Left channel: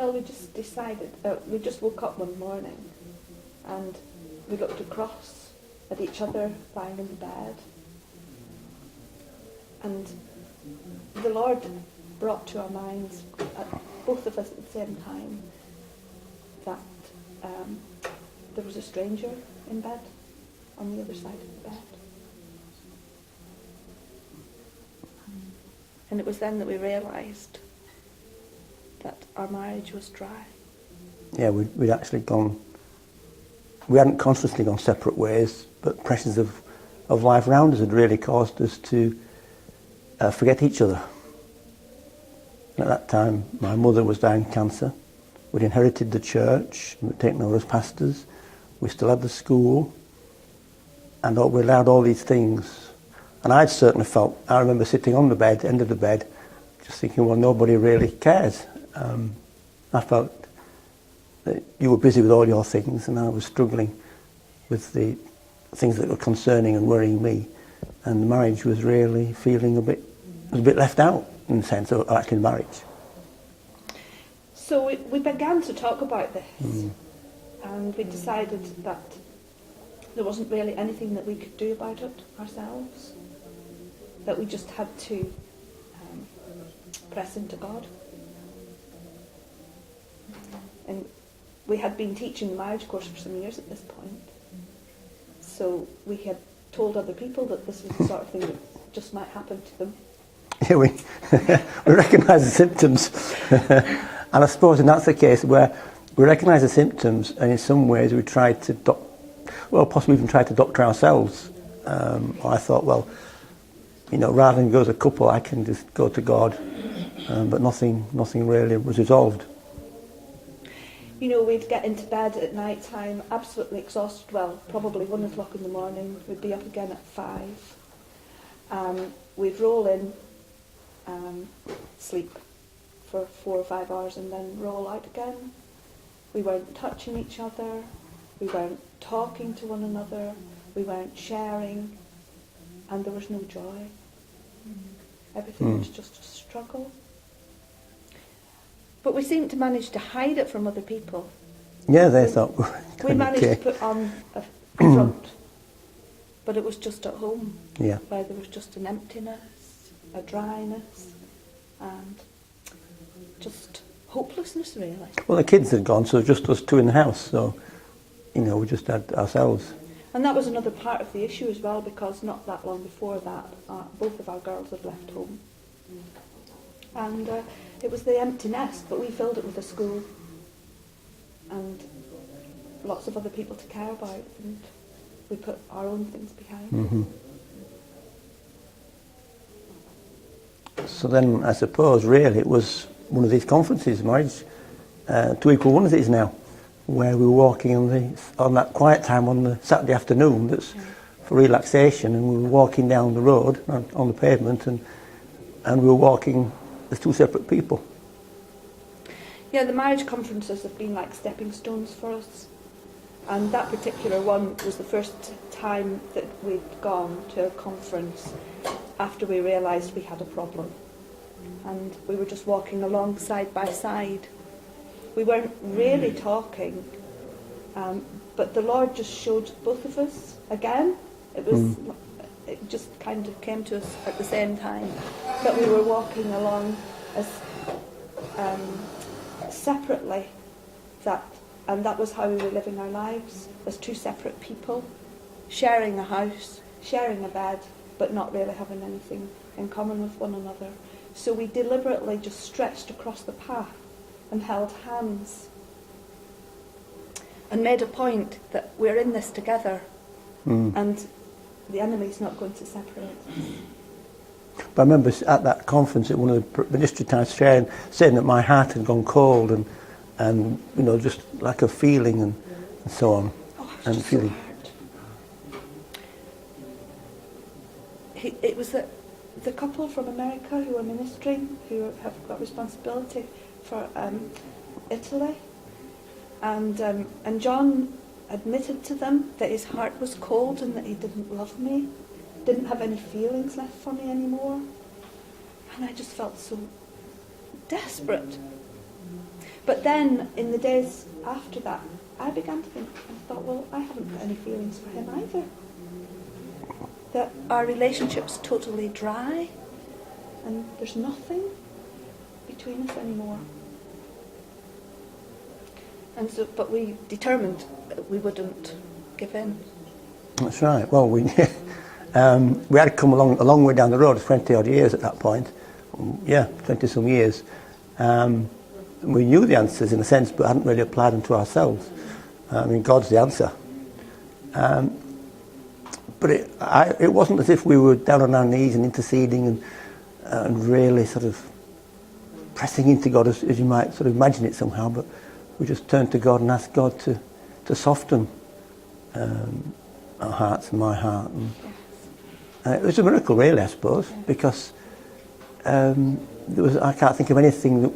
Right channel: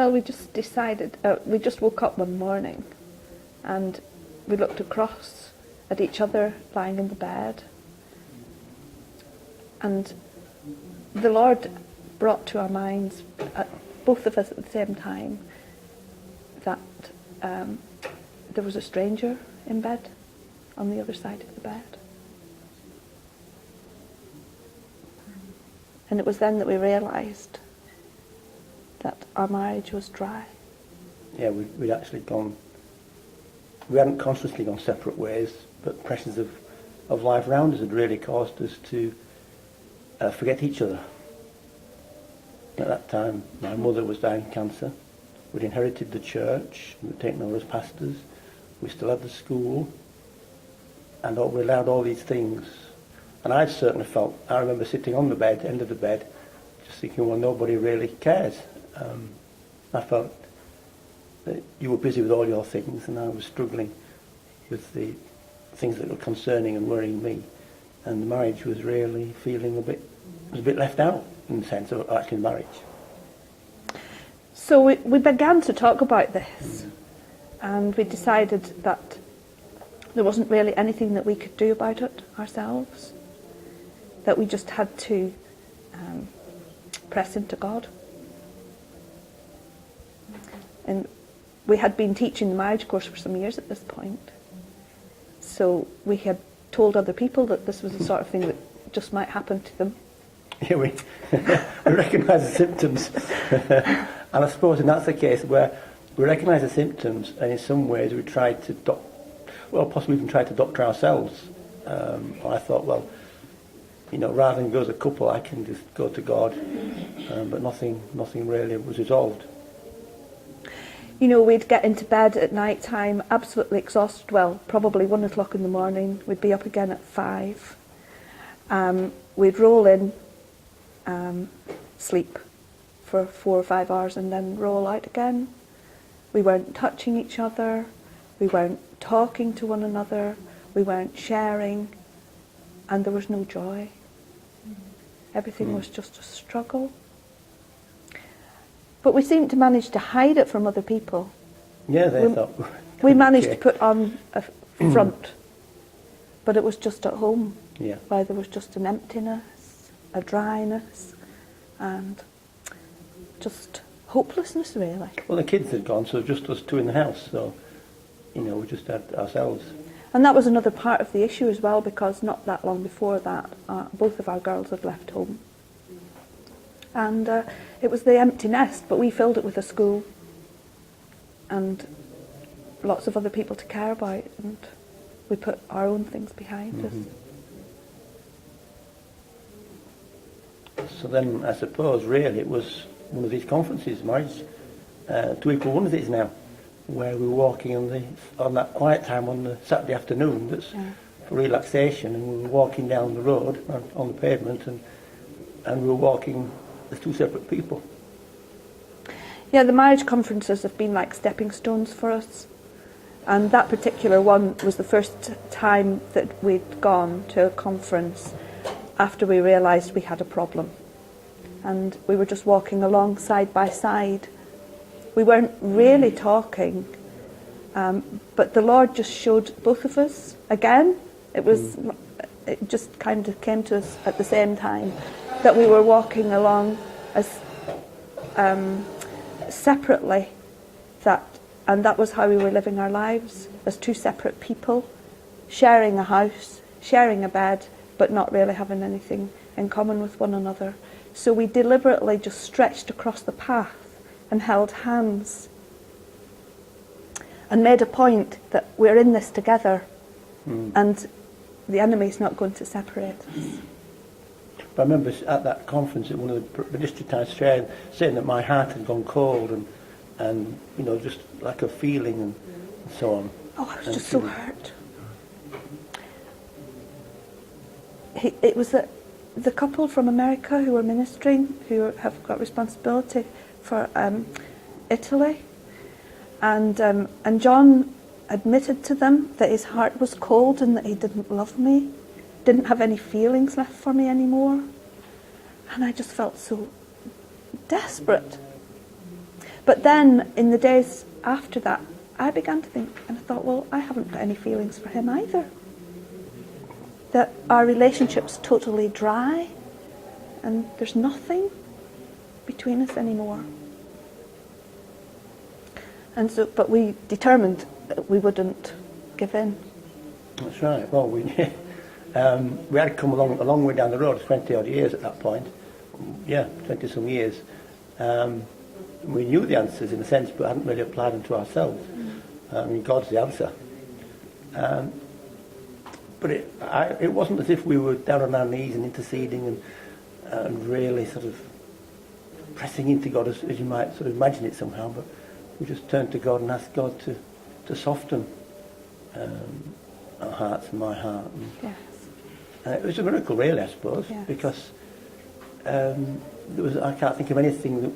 Well, we just decided, we just woke up one morning and we looked across at each other lying in the bed, and the Lord brought to our minds, both of us at the same time, that there was a stranger in bed on the other side of the bed. And it was then that we realised that our marriage was dry. Yeah, we'd actually gone, we hadn't consciously gone separate ways, but pressures of life around us had really caused us to forget each other. At that time, my mother was dying of cancer. We'd inherited the church, we'd taken over as pastors, we still had the school, and we allowed all these things. And I'd certainly felt, I remember sitting on the bed, end of the bed, just thinking, well, nobody really cares. I felt that you were busy with all your things, and I was struggling with the things that were concerning and worrying me. And the marriage was really feeling a bit left out, in the sense of actually marriage. So we began to talk about this, and we decided that there wasn't really anything that we could do about it ourselves, that we just had to press into God. And we had been teaching the marriage course for some years at this point, so we had told other people that this was the sort of thing that just might happen to them. Yeah, we recognise the symptoms. And I suppose that's the case where we recognise the symptoms, and in some ways we tried to, possibly even tried to doctor ourselves. I thought, well, rather than go as a couple, I can just go to God. But nothing really was resolved. We'd get into bed at night time absolutely exhausted, well, probably 1 o'clock in the morning. We'd be up again at 5. We'd roll in, sleep for 4 or 5 hours and then roll out again. We weren't touching each other, we weren't talking to one another, we weren't sharing, and there was no joy. Everything was just a struggle. But we seemed to manage to hide it from other people. Yeah, they thought we managed to put on a front, but it was just at home, where there was just an emptiness, a dryness, and just hopelessness, really. Well, the kids had gone, so just us two in the house, so, we just had ourselves. And that was another part of the issue as well, because not that long before that, both of our girls had left home. And it was the empty nest, but we filled it with a school and lots of other people to care about, and we put our own things behind us. So then, I suppose, really, it was one of these conferences, Marriage to Equal One of these now, where we were walking on that quiet time on the Saturday afternoon that's for relaxation, and we were walking down the road on the pavement, and we were walking as two separate people. Yeah, the marriage conferences have been like stepping stones for us, and that particular one was the first time that we'd gone to a conference after we realised we had a problem, and we were just walking along side by side. We weren't really talking, but the Lord just showed both of us again. It just kind of came to us at the same time that we were walking along as separately, and that was how we were living our lives, as two separate people, sharing a house, sharing a bed, but not really having anything in common with one another. So we deliberately just stretched across the path and held hands and made a point that we're in this together, and the enemy's not going to separate us. But I remember at that conference, at one of the ministry times, saying that my heart had gone cold, and just like a feeling and so on. Oh, I was just so hurt. It was the couple from America who were ministering, who have got responsibility for Italy, and John admitted to them that his heart was cold and that he didn't love me, didn't have any feelings left for me anymore, and I just felt so desperate. But then, in the days after that, I began to think, and I thought, well, I haven't got any feelings for him either. That our relationship's totally dry, and there's nothing between us anymore. And so, but we determined that we wouldn't give in. That's right. Well, we had come along a long way down the road, 20 odd years at that point. 20 some years. We knew the answers in a sense, but hadn't really applied them to ourselves. I mean, God's the answer. But it wasn't as if we were down on our knees and interceding and really sort of pressing into God as you might sort of imagine it somehow, but we just turned to God and asked God to soften our hearts and my heart. And, it was a miracle, really, I suppose, because I can't think of anything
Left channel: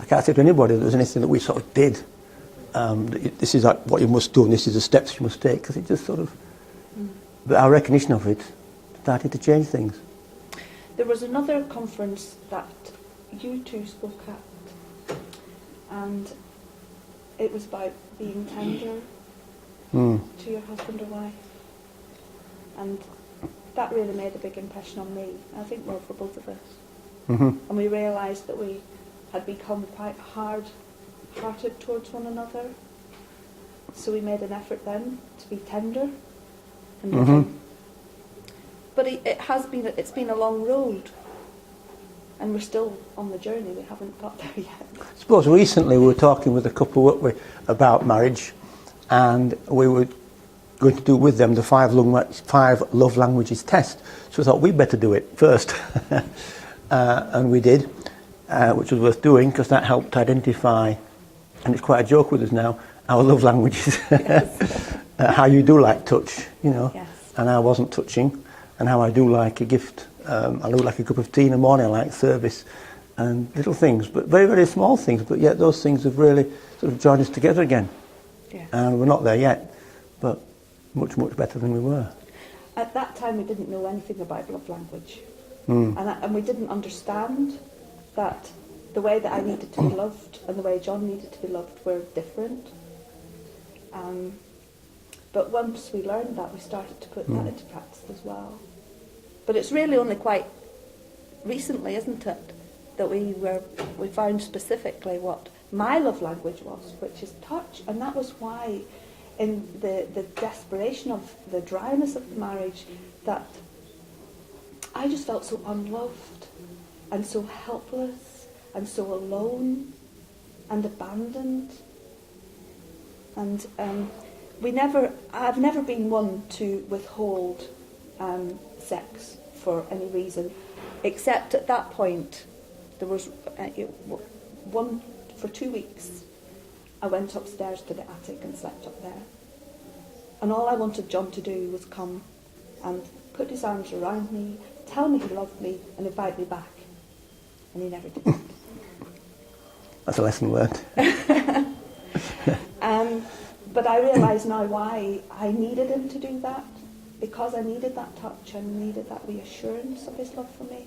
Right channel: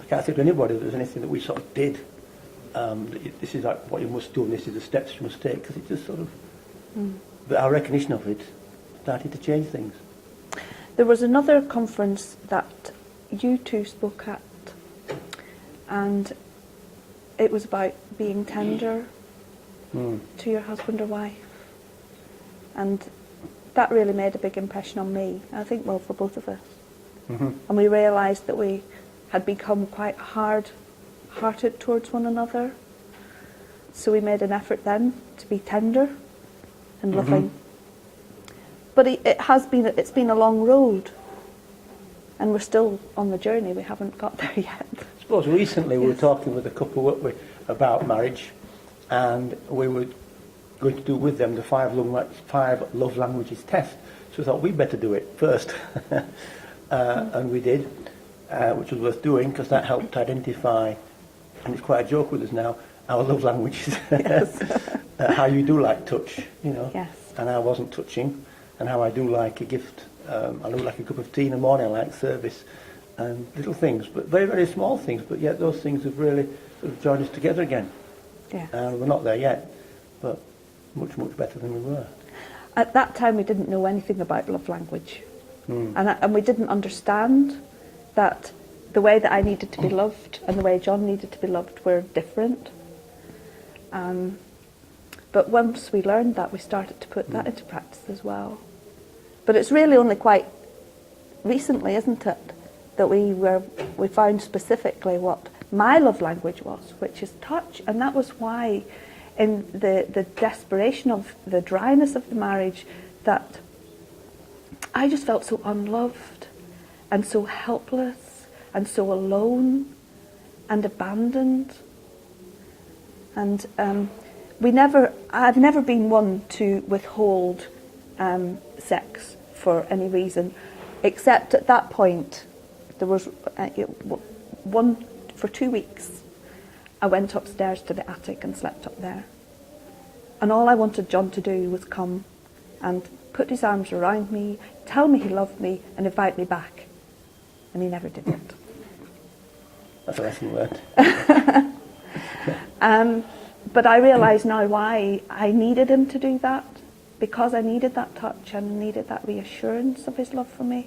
I can't say to anybody that there's anything that we sort of did. This is like what you must do and this is the steps you must take, because it just sort of... But our recognition of it started to change things. There was another conference that you two spoke at, and it was about being tender to your husband or wife. And that really made a big impression on me, I think, well, for both of us. And we realised that we had become quite hard-hearted towards one another. So we made an effort then to be tender and loving. But it's been a long road, and we're still on the journey. We haven't got there yet. I suppose recently we were talking with a couple, weren't we, about marriage, and we were going to do with them the 5 love languages test. So we thought we'd better do it first. And we did, which was worth doing because that helped identify, and it's quite a joke with us now, our love languages. How you do like touch, you know, and I wasn't touching, and how I do like a gift. I do like a cup of tea in the morning, I like service, and little things, but very, very small things, but yet those things have really sort of joined us together again. And we're not there yet, but much, much better than we were. At that time we didn't know anything about love language. And we didn't understand that the way that I needed to be loved and the way John needed to be loved were different. But once we learned that, we started to put that into practice as well. But it's really only quite recently, isn't it, that we found specifically what my love language was, which is touch. And that was why, in the desperation of the dryness of the marriage, that I just felt so unloved and so helpless and so alone and abandoned. And I've never been one to withhold sex for any reason, except at that point there was for 2 weeks I went upstairs to the attic and slept up there, and all I wanted John to do was come and put his arms around me, tell me he loved me and invite me back, and he never did that. That's a lesson learned. But I realise now why I needed him to do that, because I needed that touch and needed that reassurance of his love for me.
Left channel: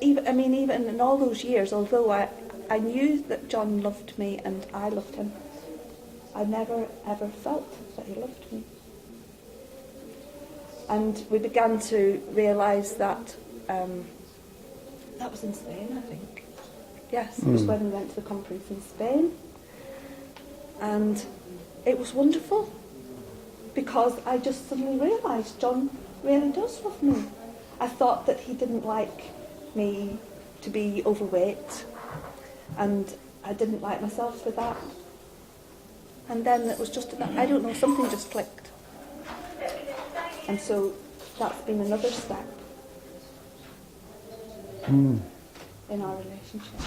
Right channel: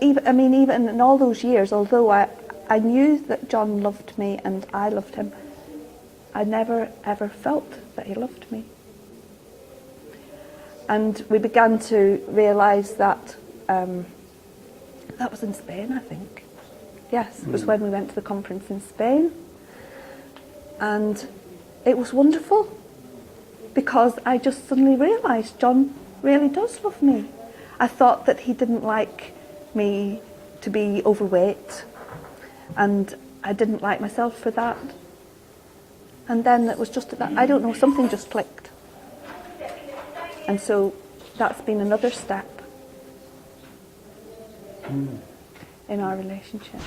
Even in all those years, although I knew that John loved me and I loved him, I never ever felt that he loved me. And we began to realise that that was in Spain, I think. Yes, it was when we went to the conference in Spain. And it was wonderful, because I just suddenly realised John really does love me. I thought that he didn't like me to be overweight, and I didn't like myself for that. And then it was just that, I don't know, something just clicked. And so that's been another step in our relationship.